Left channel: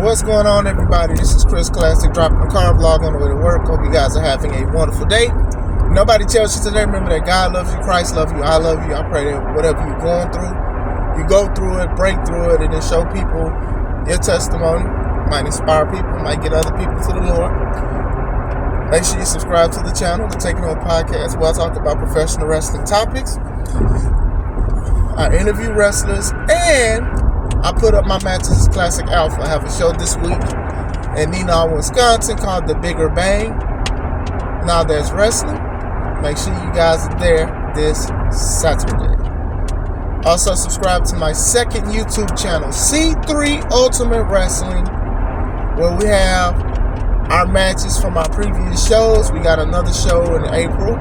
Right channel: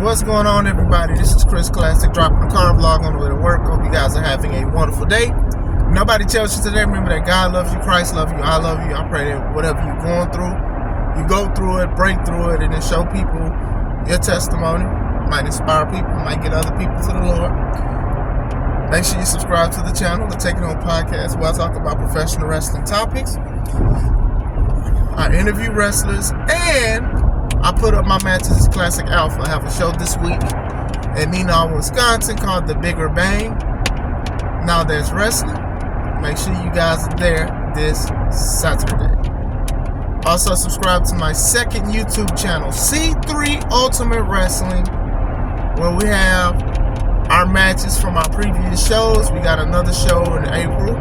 What's going on, everybody? This is Chris Classic, dropping a car vlog on the way to work. Hope you guys are having a wonderful day. Nobody tells you today, remember that God loves you, Christ loves you, I love you. I pray that whatever you're going through, you go through it, break through it, and then show people your testimony. Might inspire people, might get other people to the Lord. Make sure you subscribe to the channel, the Take It On podcast, where I talk about professional wrestling topics. I interview wrestlers, and I put up my Matches Classic Alpha. I have a show this week in Neenah, Wisconsin called The Bigger Bang. Now that's wrestling. Make sure you guys are there this Saturday. Also subscribe to my second YouTube channel, C3 Ultimate Wrestling, where we have our matches from our previous shows. We got another show in April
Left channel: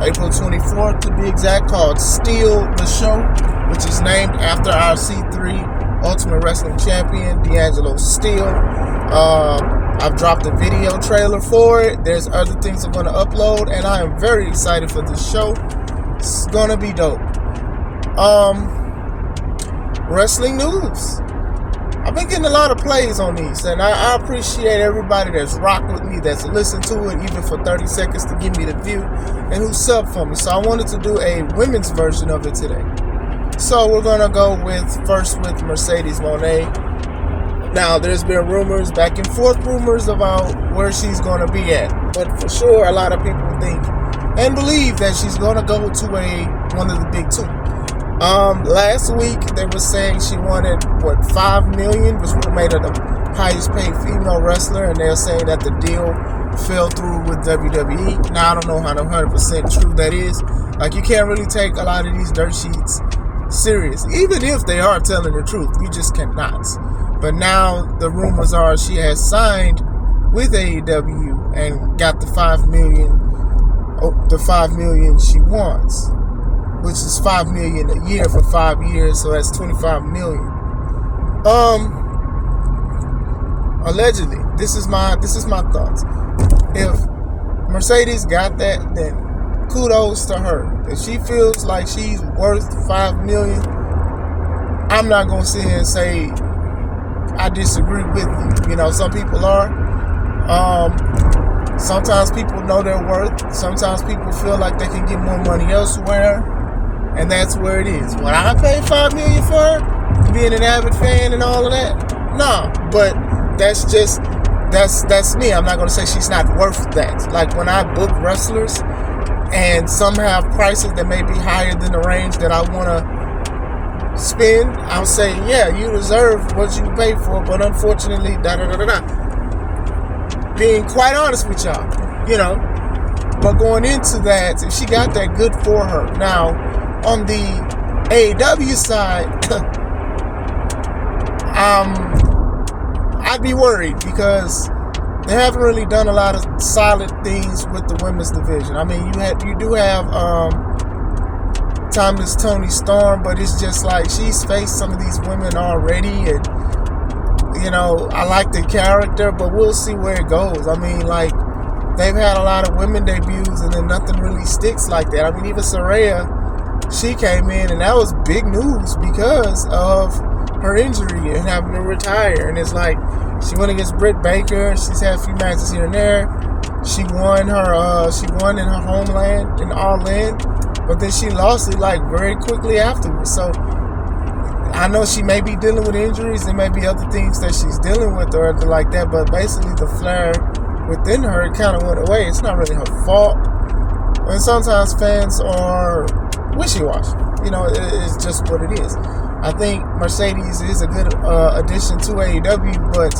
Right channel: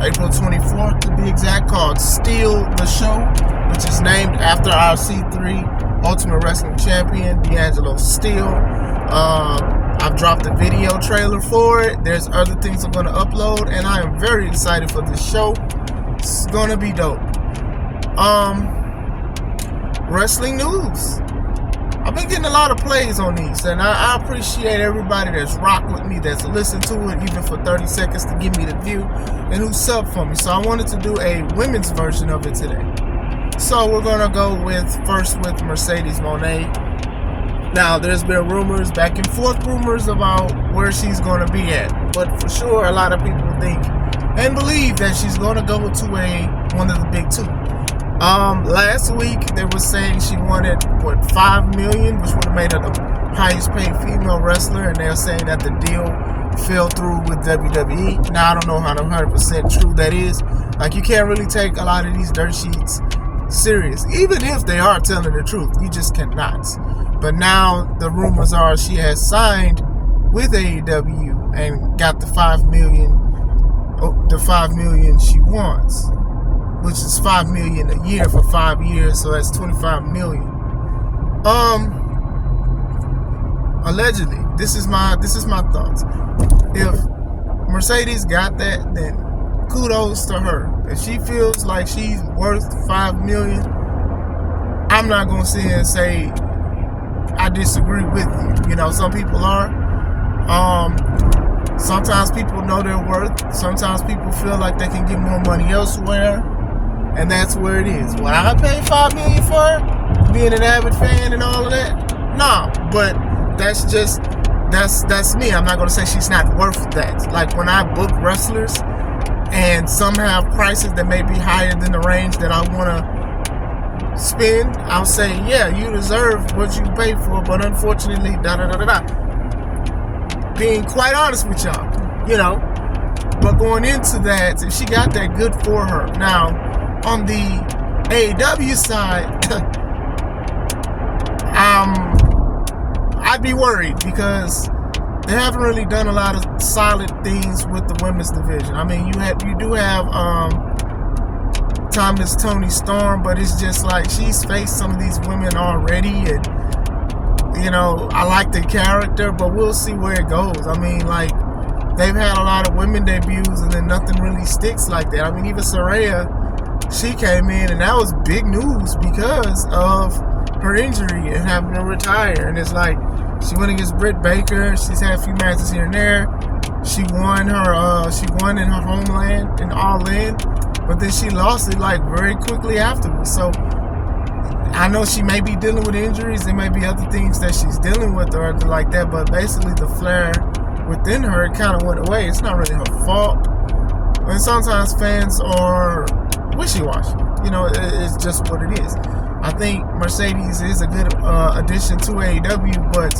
24th to be exact, called Steal the Show, which is named after our C3 Ultimate Wrestling Champion, D'Angelo Steele. I've dropped a video trailer for it. There's other things I'm going to upload, and I am very excited for this show. It's going to be dope. Wrestling news. I've been getting a lot of plays on these, and I appreciate everybody that's rocked with me, that's listened to it, even for 30 seconds to give me the view, and who subbed for me. So I wanted to do a women's version of it today. So we're going to go first with Mercedes Mone. Now, there's been rumors, back and forth rumors about where she's going to be at. But for sure, a lot of people think and believe that she's going to go to one of the big two. Last week, they were saying she wanted, $5 million, which would have made her the highest paid female wrestler. And they're saying that the deal fell through with WWE. Now, I don't know how 100% true that is. Like, you can't really take a lot of these dirt sheets serious, even if they are telling the truth. You just cannot. But now the rumors are she has signed with AEW and got the $5 million she wants, which is $5 million a year for 5 years, so that's $25 million. Allegedly, this is my thoughts. If Mercedes got that, then kudos to her. If she feels like she's worth $5 million, I'm not gonna sit here and say I disagree with you. You know, some people are. Sometimes people know their worth. Sometimes people feel like they can get more money elsewhere, and that's where it is. When I pay $5 million for her, being an avid fan and all of that, nah. But that's me. I'm not gonna say she's not worth that. Like when I book wrestlers, and some have prices that may be higher than the range that I want to spend, I'll say, yeah, you deserve what you pay for, but unfortunately, being quite honest with y'all, you know. But going into that, if she got that, good for her. Now, on the AEW side, I'd be worried because they haven't really done a lot of solid things with the women's division. I mean, you do have Timeless Toni Storm, but it's just like she's faced some of these women already, and you know, I like the character, but we'll see where it goes. I mean, like, they've had a lot of women debuts, and then nothing really sticks like that. I mean, even Saraya, she came in, and that was big news because of her injury and having to retire. And it's like, she went against Britt Baker. She's had a few matches here and there. She won in her homeland in All In, but then she lost it like very quickly afterwards. So I know she may be dealing with injuries. There may be other things that she's dealing with or anything like that, but basically the flair within her, it kind of went away. It's not really her fault. And sometimes fans are wishy-washy. You know, it's just what it is. I think Mercedes is a good addition to AEW, but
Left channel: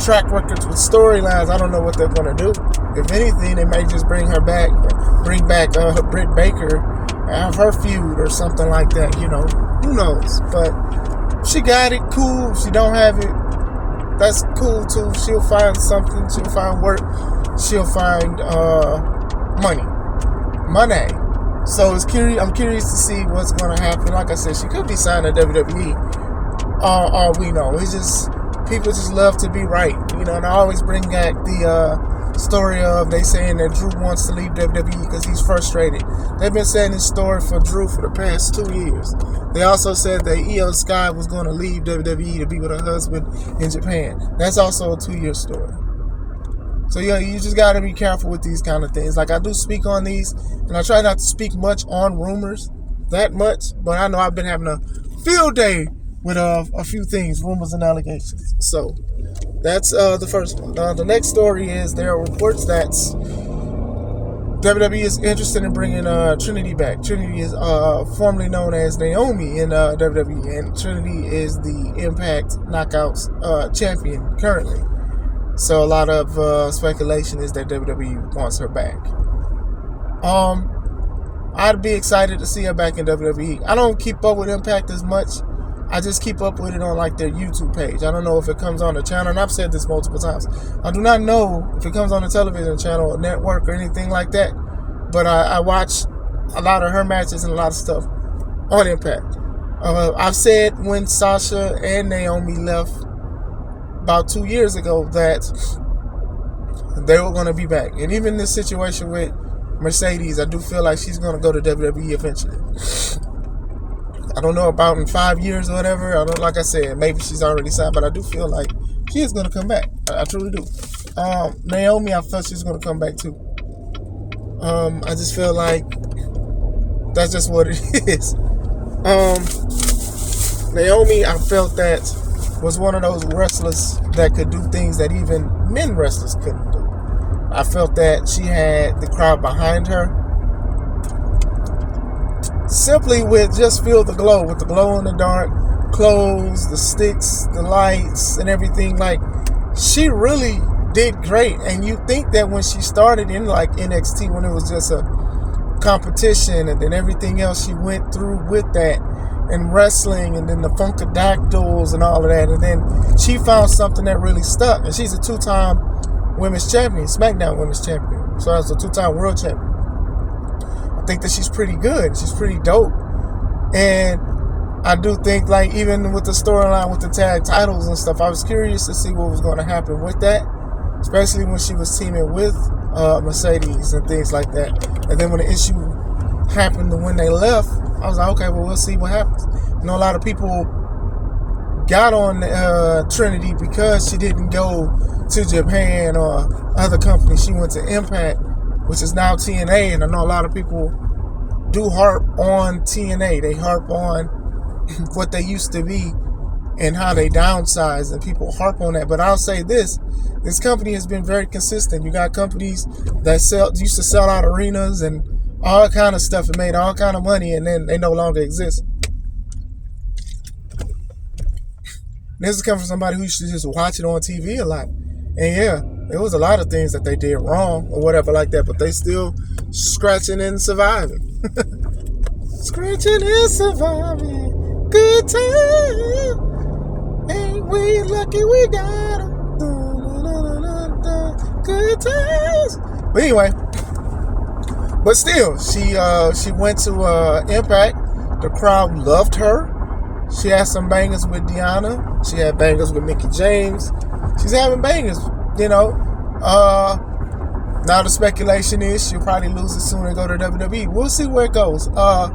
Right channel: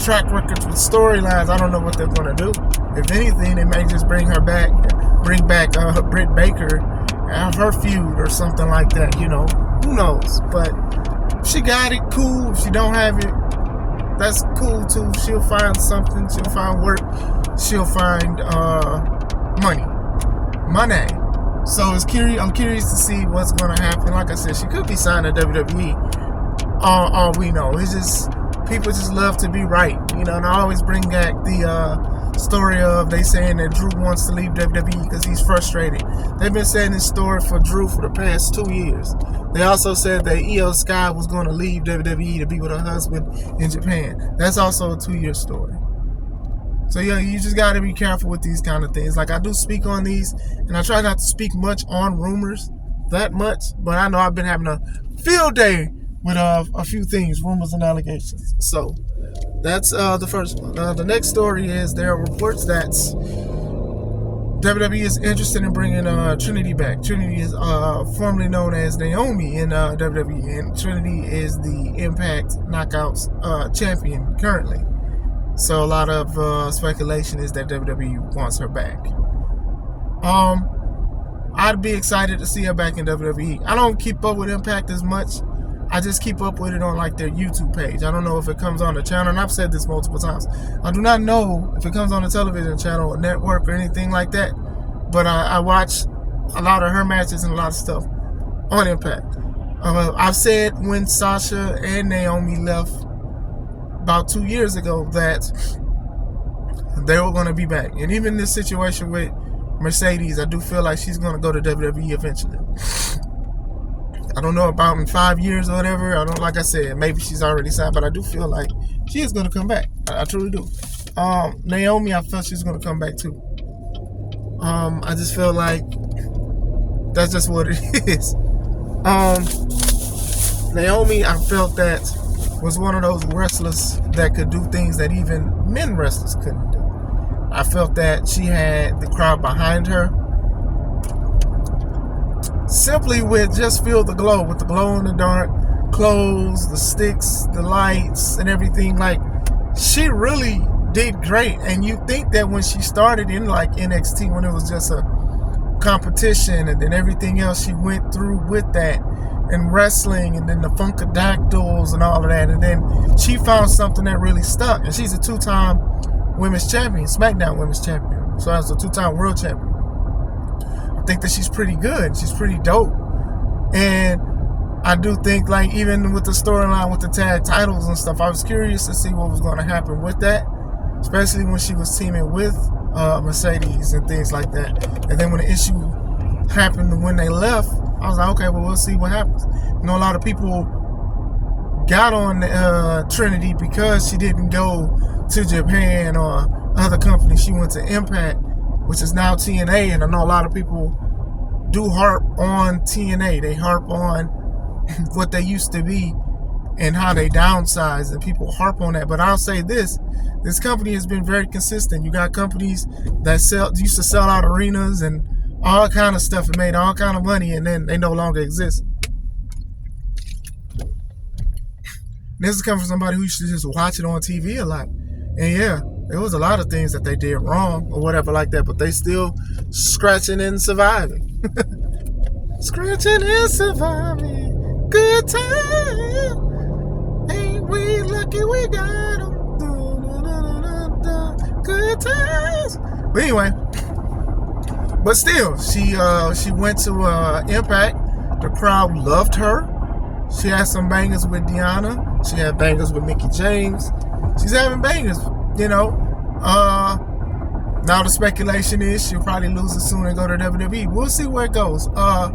track records with storylines, I don't know what they're going to do. If anything, they may just bring back Britt Baker, have her feud or something like that, you know. Who knows? But if she got it, cool. If she don't have it, that's cool too. She'll find something. She'll find work. She'll find money. So I'm curious to see what's going to happen. Like I said, she could be signed to WWE. All we know. It's just, people just love to be right. You know, and I always bring back the story of they saying that Drew wants to leave WWE because he's frustrated. They've been saying this story for Drew for the past 2 years. They also said that Io Sky was going to leave WWE to be with her husband in Japan. That's also a 2-year story. So yeah, you just got to be careful with these kind of things. Like, I do speak on these, and I try not to speak much on rumors that much, but I know I've been having a field day with a few things, rumors and allegations. So that's the first one. The next story is there are reports that WWE is interested in bringing Trinity back. Trinity is formerly known as Naomi in WWE, and Trinity is the Impact Knockouts champion currently. So a lot of speculation is that WWE wants her back. I'd be excited to see her back in WWE. I don't keep up with Impact as much. I just keep up with it on like their YouTube page. I don't know if it comes on the channel, and I've said this multiple times. I do not know if it comes on the television channel or network or anything like that, but I watch a lot of her matches and a lot of stuff on Impact. I've said when Sasha and Naomi left about 2 years ago that they were going to be back. And even this situation with Mercedes, I do feel like she's going to go to WWE eventually. I don't know about in 5 years or whatever. I don't, like I said, maybe she's already signed, but I do feel like she is going to come back. I truly do. Naomi, I felt she's going to come back too. I just feel like that's just what it is. Naomi, I felt that was one of those wrestlers that could do things that even men wrestlers couldn't do. I felt that she had the crowd behind her. Simply with just feel the glow, with the glow in the dark, clothes, the sticks, the lights, and everything. Like, she really did great. And you think that when she started in like NXT, when it was just a competition, and then everything else she went through with that, and wrestling, and then the Funkadactyls and all of that, and then she found something that really stuck. And she's a 2-time women's champion, SmackDown women's champion. So as a 2-time world champion. I think that she's pretty good. She's pretty dope. And I do think, like, even with the storyline with the tag titles and stuff, I was curious to see what was going to happen with that, especially when she was teaming with Mercedes and things like that. And then when the issue happened when they left, I was like, okay, well, we'll see what happens. You know, a lot of people got on Trinity because she didn't go to Japan or other companies. She went to Impact, which is now TNA, and I know a lot of people do harp on TNA. They harp on what they used to be and how they downsized, and people harp on that. But I'll say this company has been very consistent. You got companies that used to sell out arenas and all kind of stuff and made all kind of money, and then they no longer exist. This is coming from somebody who used to just watch it on TV a lot. And yeah, there was a lot of things that they did wrong or whatever like that, but they still scratching and surviving. Scratching and surviving. Good time. Ain't we lucky we got them. Good times. But anyway, but still, she went to Impact. The crowd loved her. She had some bangers with Deanna. She had bangers with Mickie James. She's having bangers, you know. Now the speculation is she'll probably lose it soon and go to WWE. We'll see where it goes. I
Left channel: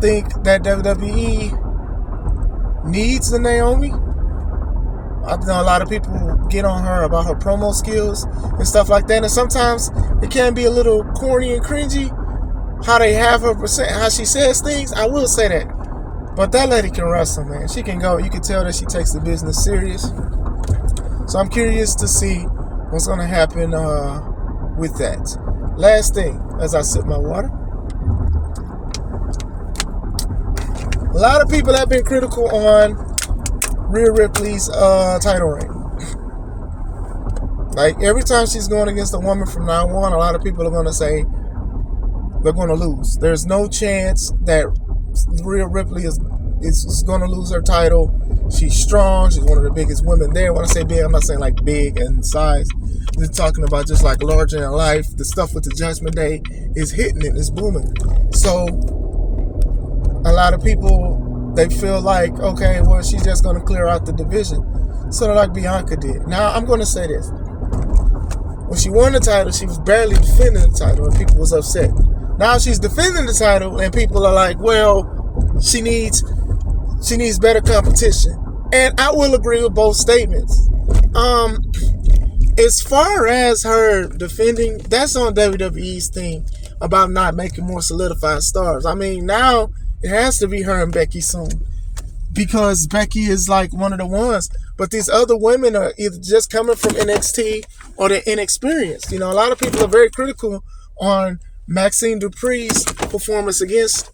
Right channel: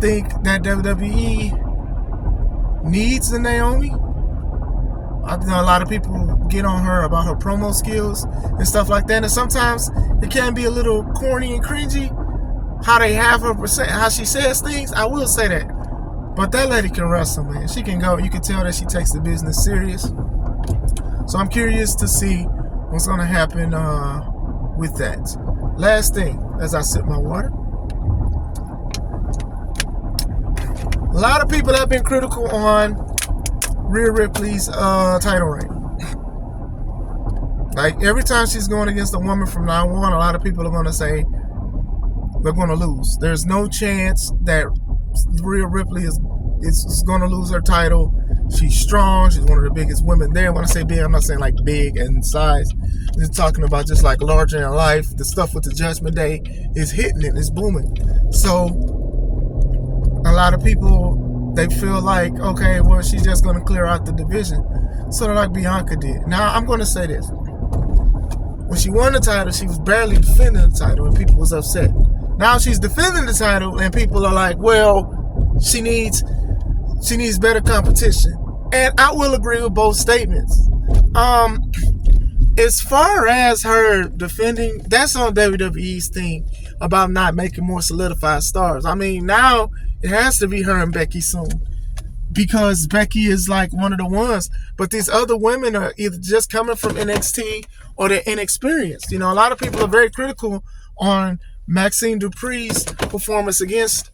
think that WWE needs the Naomi. I know a lot of people get on her about her promo skills and stuff like that. And sometimes it can be a little corny and cringy how they have her how she says things. I will say that. But that lady can wrestle, man. She can go. You can tell that she takes the business serious. So I'm curious to see what's going to happen with that. Last thing, as I sip my water. A lot of people have been critical on Rhea Ripley's title reign. Like, every time she's going against a woman from now on, a lot of people are going to say they're going to lose. There's no chance that Rhea Ripley is going to lose her title. She's strong. She's one of the biggest women there. When I say big, I'm not saying like big in size. I'm just talking about just like larger in life. The stuff with the Judgment Day is hitting it. It's booming. So a lot of people, they feel like, okay, well, she's just going to clear out the division. Sort of like Bianca did. Now, I'm going to say this. When she won the title, she was barely defending the title, and people was upset. Now she's defending the title, and people are like, well, she needs better competition. And I will agree with both statements. As far as her defending, that's on WWE's thing about not making more solidified stars. I mean, now it has to be her and Becky soon, because Becky is like one of the ones. But these other women are either just coming from NXT or they're inexperienced. You know, a lot of people are very critical on Maxine Dupri's performance against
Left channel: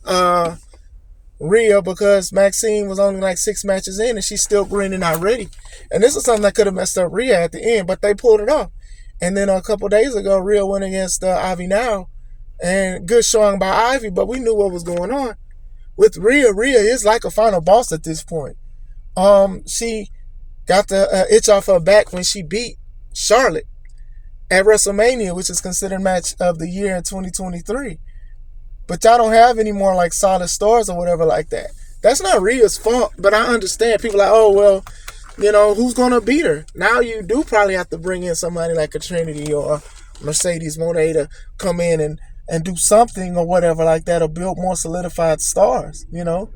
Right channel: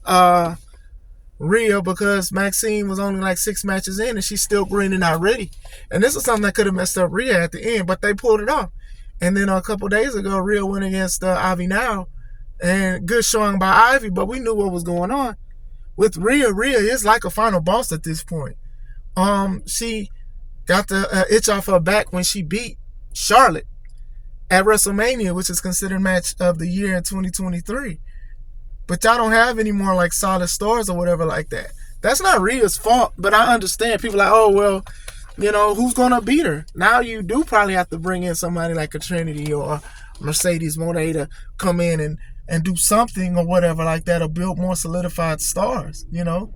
Rhea, because Maxine was only like 6 matches in and she's still grinning not ready. And this is something that could have messed up Rhea at the end, but they pulled it off. And then a couple days ago, Rhea went against Ivy Now, and good showing by Ivy, but we knew what was going on. With Rhea is like a final boss at this point. She got the itch off her back when she beat Charlotte at WrestleMania, which is considered match of the year in 2023. But y'all don't have any more like solid stars or whatever like that. That's not Rhea's fault, but I understand. People are like, oh, well, you know, who's going to beat her? Now you do probably have to bring in somebody like a Trinity or Mercedes Moné to come in and do something or whatever like that, or build more solidified stars, you know?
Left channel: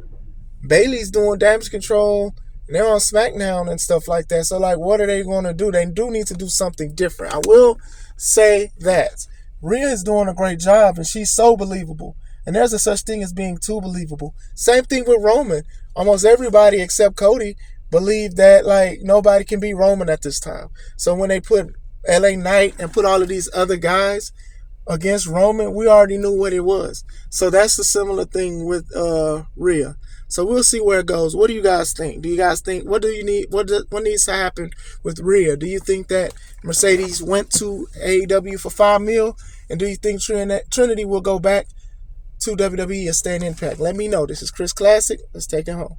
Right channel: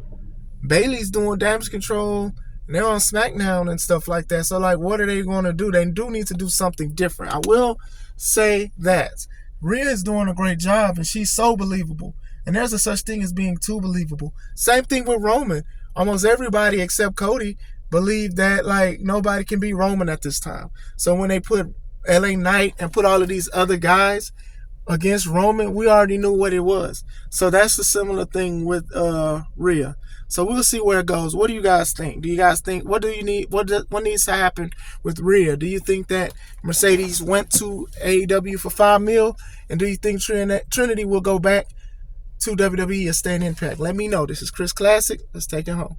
Bayley's doing Damage Control, and they're on SmackDown and stuff like that. So, like, what are they going to do? They do need to do something different. I will say that. Rhea is doing a great job, and she's so believable. And there's a such thing as being too believable. Same thing with Roman. Almost everybody except Cody believed that, like, nobody can beat Roman at this time. So when they put LA Knight and put all of these other guys against Roman, we already knew what it was. So that's the similar thing with Rhea. So we'll see where it goes. What do you guys think? Do you guys think, what needs to happen with Rhea? Do you think that Mercedes went to AEW for $5 million? And do you think Trinity will go back to WWE and stay in Impact? Let me know. This is Chris Classic. Let's take it home.